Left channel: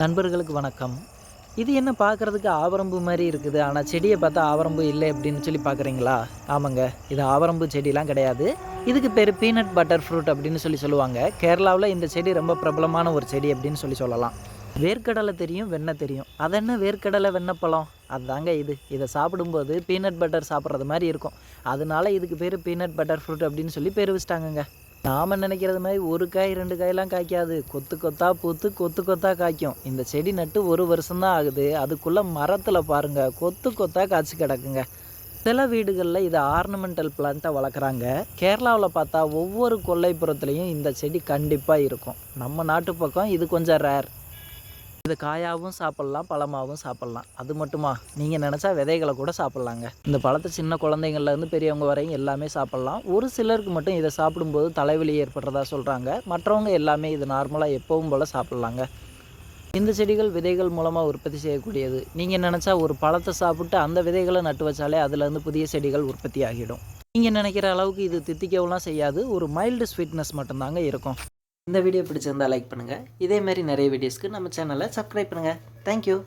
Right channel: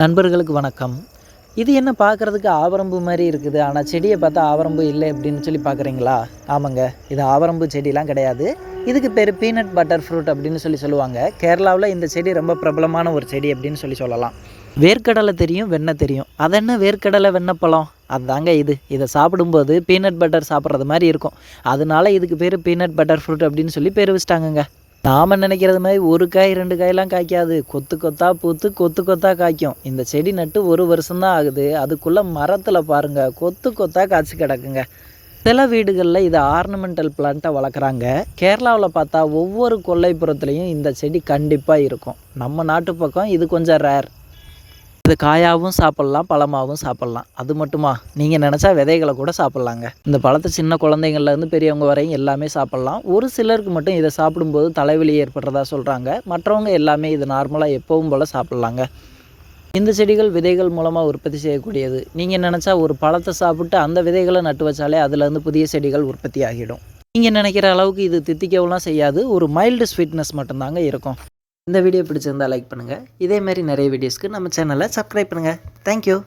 நண்பர்களுக்கு வணக்கம். இது என்ன பார்க்குறதுக்கு ஆவரம்பு மாதிரி இருக்குது. ஆனால் செடியை பார்த்தா ஆவரம்பு இல்லை அப்படின்னு சொல்லி பார்க்குறீங்களா? ஆமாங்க. இது ஆவரம்பு செடிலாம் கிடையாது. இதுக்கு பேர் பீனட் பட்டர் ஃப்ரூட் அப்படின்னு சொல்லி சொல்லுவாங்க. கேரளாவில் இந்த செடி ரொம்ப பிரபலமான ஒரு செடி அப்படின்னு சொல்லி சொல்லலாம். வேர்க்கடலை தெரியும் வெண்ணெய் தெரியும். அது என்ன வேர்க்கடலை வெண்ணப்பழம் அதுதாங்க இது. இதை சாப்பிடும்போது பீனட் பட்டர் சாப்பிட்றது மாதிரி இருக்கும். அதனால இதுக்கு பேர் பீனட் பட்டர் ஃப்ரூட் அப்படின்னு சொல்லி பேர் வச்சிட்டாங்கங்க. நாம் நினைக்கிறது மாதிரி ஒரு காய் ரெண்டு காயெல்லாம் காய்க்காது. கொத்து கொத்தாக பூத்து கொத்து கொத்தாக காய்க்கும். இந்த செடி நட்டு ஒரு வருஷம்தான் ஆகுது. அதுக்குள்ளே மரத்தில் பாருங்கள் கொத்து கொத்தாக காய்ச்சி கிடக்குங்க. சில வீடுகளில் இது ஆர்னமெண்டல் பிளான்ட்டை வளர்க்குறாங்க. கேரளாவில் பார்த்தா ஒவ்வொரு கொல்லைப்புறத்துலேயும் இந்த செடி கண்டிப்பாக இருக்கும். நம்ம நாட்டு பக்கம் இது கொஞ்சம் ரேர் இது காயாகவும் சாப்பிட்லாம் பழமாகவும் சாப்பிட்லாம். அது மட்டுமா? நீங்கள் நினச்சா விதைகளை கூட சாப்பிட்லாங்க. இந்த பழத்தை சின்ன குழந்தைங்கள்லேருந்து பெரியவங்க வரையும் எல்லாமே சாப்பிட்லாம். ஒரு சிலருக்கு மட்டும் இதை சாப்பிடும்போது தலைவலி ஏற்படுறதா சொல்கிறாங்க மற்றவங்க எல்லாமே இது நார்மலாக எப்பவும் போல் சாப்பிட்லாங்க. இந்த செடிகள் விதைகள் மூலமாக உற்பத்தி செய்யக்கூடியது. நீங்கள் நினச்சா ஒரு பழத்தை சாப்பிட்டு அந்த விதைகளை நட்டு வச்சாலே அதுலேருந்து புதிய செடிகள் உற்பத்தி ஆகிடும். நீங்கள் நினைக்கிற அளவுக்கு இது தித்திக்கவுலாம் செய்யாது. ஒரு மைல்டு ஸ்வீட்னஸ் மட்டும்தாங்க இருக்கும். இந்த வீடியோ பிடிச்சிருந்தா லைக் பண்ணுங்கள் இதே மாதிரி நிறைய வீடியோஸ்க்கு நம்ம சேனலை சப்ஸ்கிரைப் பண்ணுங்கள் தேங்க்யூ